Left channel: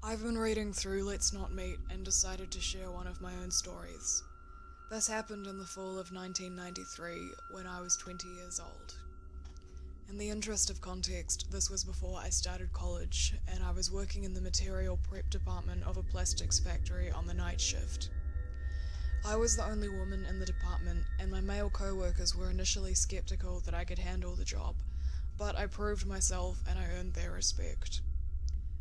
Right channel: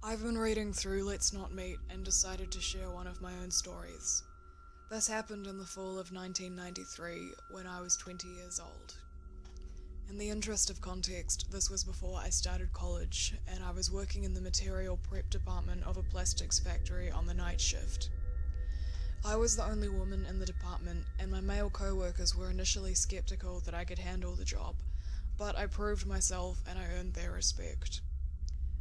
I've been reading through Let's Not Meet and decided to share one of my own stories. This happened in the fall of 1993 when I was 20 years old. In the interest of context, this was before I started college and I was working in the material prep department of a plastics factory on the night shift. I was the only woman in the department and my male co-workers were initially skeptical that I could handle the job, but I proved myself and I earned their respect.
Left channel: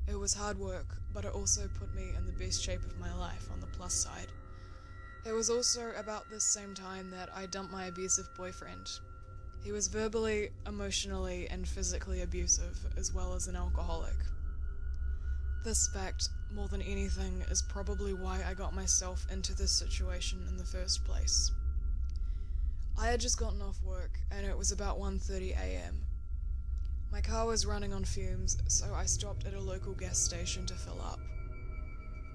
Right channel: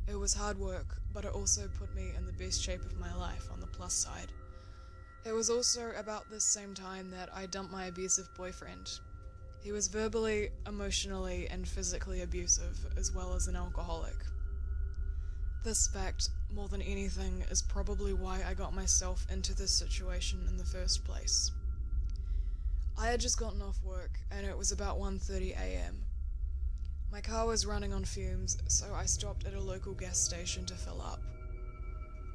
It was hard work, but it also put me in the best shape of my life on the plus side. It was also about this same time that I dumped my abusive boyfriend. He was verbally, emotionally, and physically abusive, as well as an alcoholic. This fact, more than anything, is probably why I got myself into this situation in the first place. I had just gotten off work, and it was about 1:30 a.m. My car was running on fumes, so I stopped at a local gas station to fill up.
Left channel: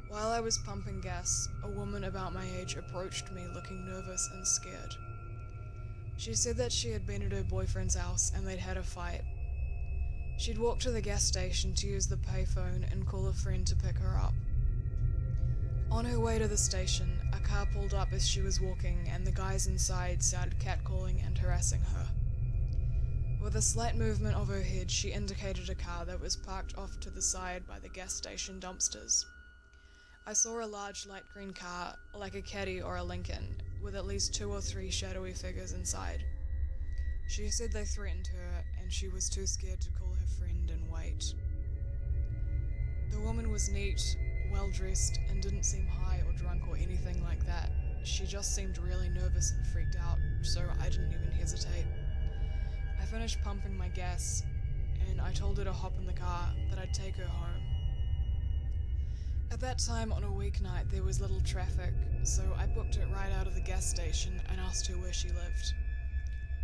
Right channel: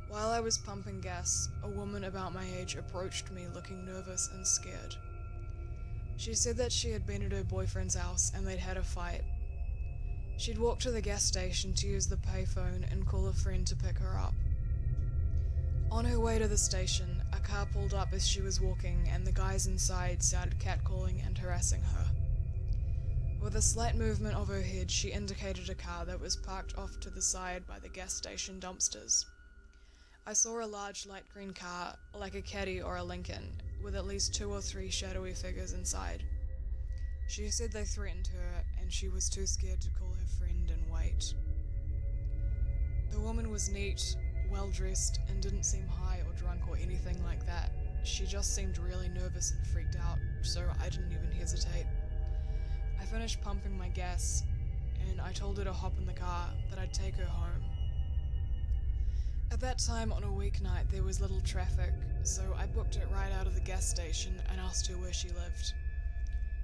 While I was pumping gas, a woman about my age approached me looking nervous and scared. She said that she had been at her boyfriend's house and they'd had a fight. She'd walked to the gas station to use the payphone and call a friend to pick her up. On her way to the station, a car pulled up as she was walking and the guys inside started catcalling and harassing her. With a slight movement of her head, she indicated a car that was parked off to the side by the gas station dumpsters. I saw a large light green car, like a Caddy or a Lincoln, with at least 2 or 3 shadowy figures inside. She said they threatened her, and she was too scared to call her friend and wait. The woman was neat, well-dressed, and didn't seem high or drunk or anything like that. She just seemed really nervous and freaked out, so I didn't even hesitate. I finished pumping my gas, and I told her to hop in the car, that I'd take her home. At that time on a weeknight there was little traffic, so I booked it right out of the gas station and asked her where she lived.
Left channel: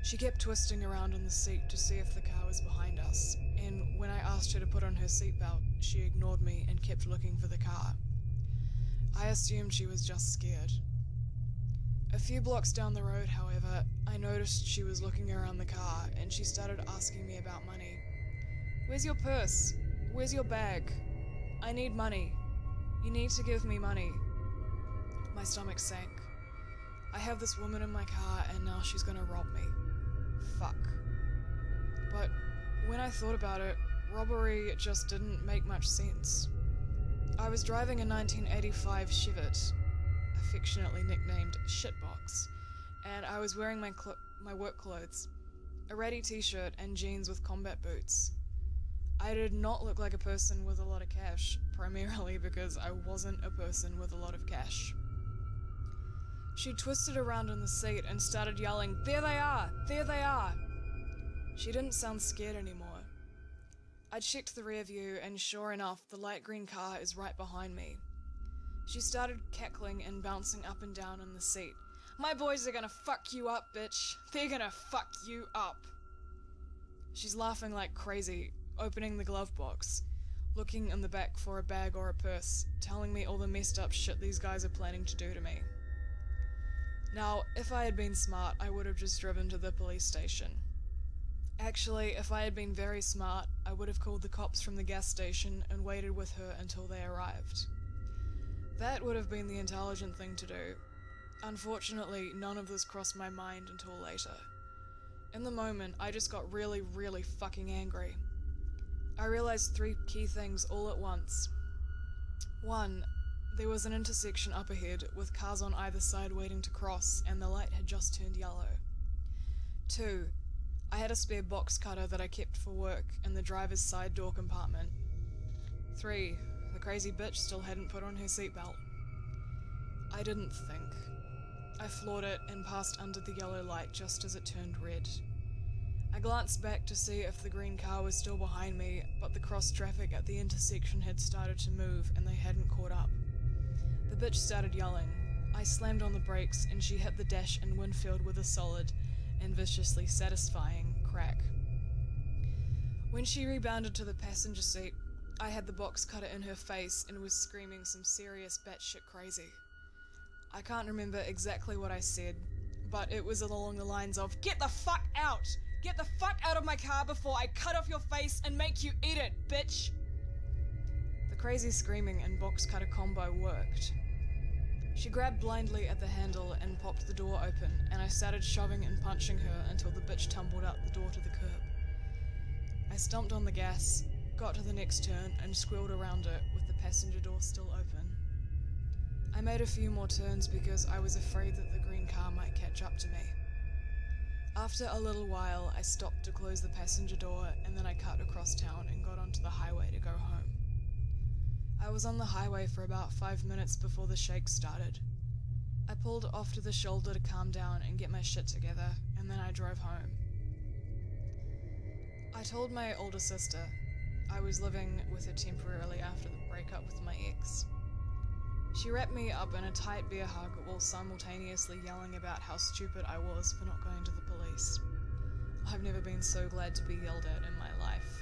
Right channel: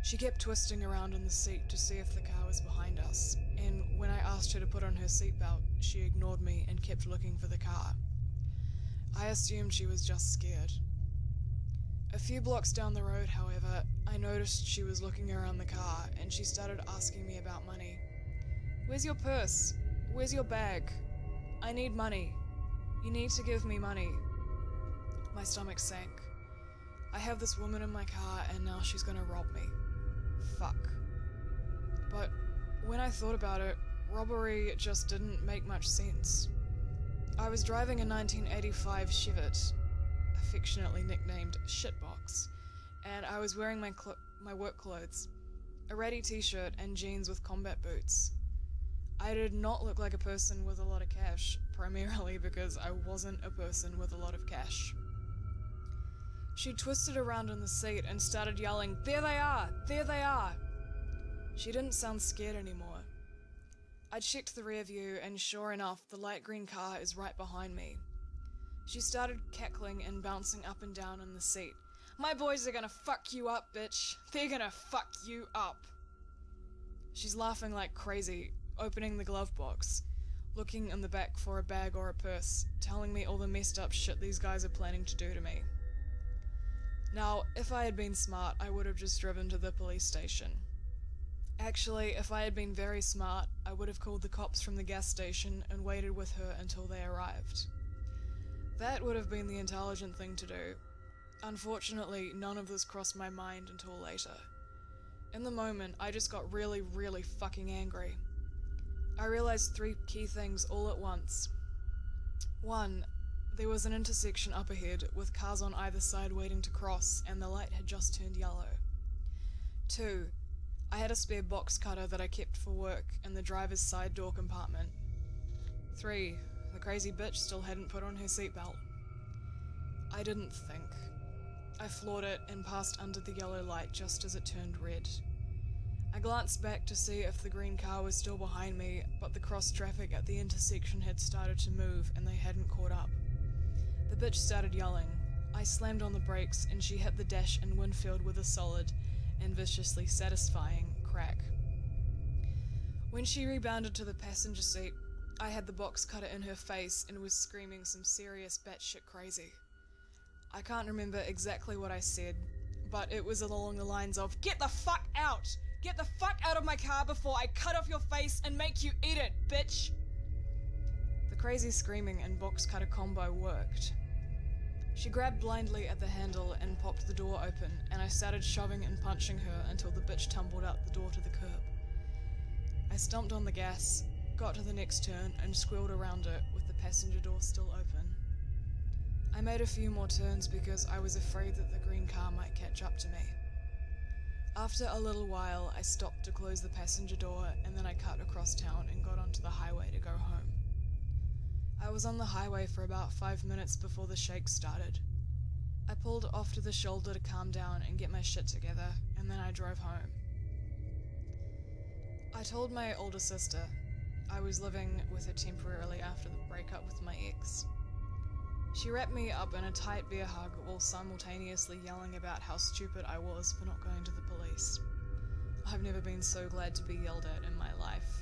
She kept twisting around in the seat to see if the car was behind us, and when I asked her to put on her seatbelt, she ignored me and kept looking for the car. I assumed she was just scared. A few blocks down the road, however, I noticed she was looking around the car and she started asking me about money. "Where's your purse? Where's your bag? I need money. You need to give me money." My stomach sank. I have this woman in my car and now she's gonna rob me. Fuck. But when I thought about it, robbery just didn't make much sense. I was driving a 1985 Chevette, affectionately nicknamed Shitbox, and I was wearing my work clothes, a ratty t-shirt and jeans with combat boots. I did not look like a person with a lot of cash, primarily because I wasn't a person with a lot of cash. She twisted around in the seat and started yelling, "There they are! There they are!" She didn't sound scared anymore. I checked the rear view and sure enough, the light green car is right behind me. She started cackling and bouncing up and down in the seat. "My boys are gonna fuck you up, bitch! They're gonna fuck you up!" She's laughing like crazy, opening the glove box, looking in the back for a bag or a purse, telling me all the messed up shit these guys are planning to do to me. Now, if I had been smart, I would have just driven to the police station. Actually, if I had been very smart, I would have called the cops from the gas station and waited with her until they arrived. That would have been the intelligent thing to do. Unfortunately, none of this crossed my mind until later. In the moment, I just got really, really fucking angry. I realized 3 key things all at once. 1. There was an intersection up ahead with cars on either side waiting to cross and the light had just turned yellow. 2. I had a spare box cutter that I kept for work in the driver's side door compartment. 3. The crazy bitch still hadn't put on her seatbelt. I didn't think. I floored it and passed under the yellow light just as it turned red. I glanced back to see if the green car was still behind me, but the cross traffic at the intersection had started to move and they hadn't caught up. The bitch started yelling. I slammed on the brakes and she hit the dash and windshield with a solid and viciously satisfying crack. When she rebounded to the passenger seat, I had the box cutter in her face and was screaming some serious batshit crazy. I can't remember exactly what I said, but it was along the lines of, "Get the fuck out! Get the fuck out of my car before I cut off your face and make you eat it, bitch!" The crazy screaming and box cutter combo worked. She grabbed blindly at the handle and popped the door open, and I started shoving and punching her until the bitch tumbled out the door to the curb. I stomped on the gas, got to the next turn, and squealed around it with the passenger door still open. I made a few more turns because I was afraid that the green car might catch up to me. After a little while, I stopped to close the passenger door, and then I cut across town and got onto the highway to go home. I was on the highway for about 5 minutes before the shake started. I pulled off to the shoulder to calm down and get my shit together, and then I drove home. I told my older sister. I was living with her temporarily after the breakup with my ex. She wrapped me up in a tight bear hug while simultaneously yelling about how stupid I was for not going to the police. I've never been so glad to be yelled at in my life.